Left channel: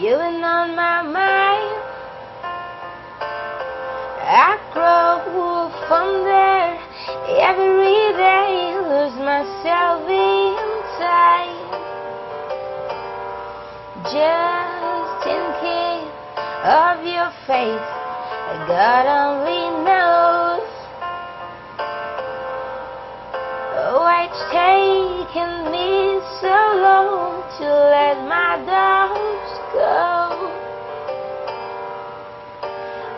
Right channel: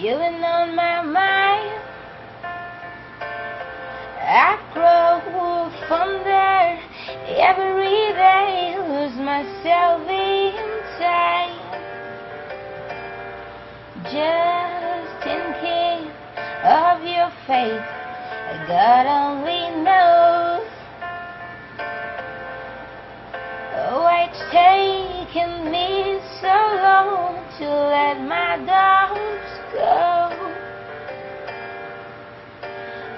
You've been on my mind. I grow from there every day, lose myself inside. Just thinking of your face, God only knows. Why it's taken me so long to let my doubts go.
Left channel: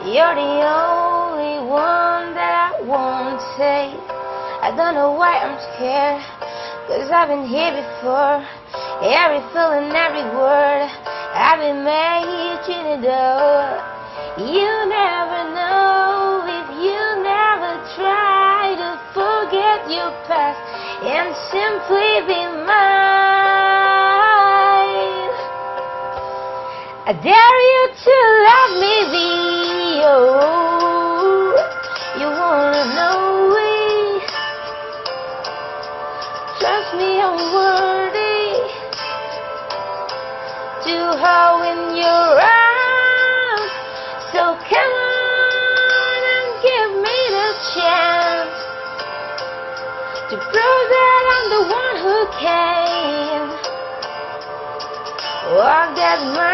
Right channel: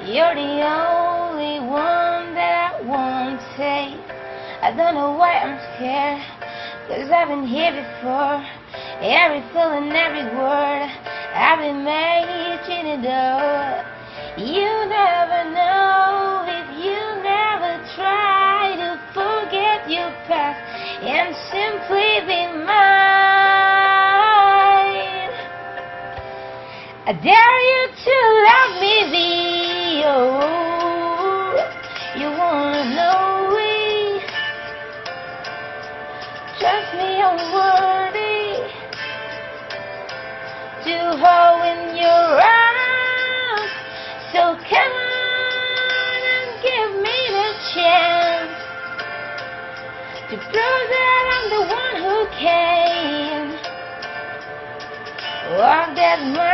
You're the only one that I won't take. I don't know why I'm scared, 'cause I've been here before. Every feeling, every word, I've been making it up. You never know if you never try to forget your past and simply be mine. I dare you to love me, you wanna know it. Trust me, I'm worthy to hold in your arms. So come on and give me the chance to prove that I'm the one who can walk that mile.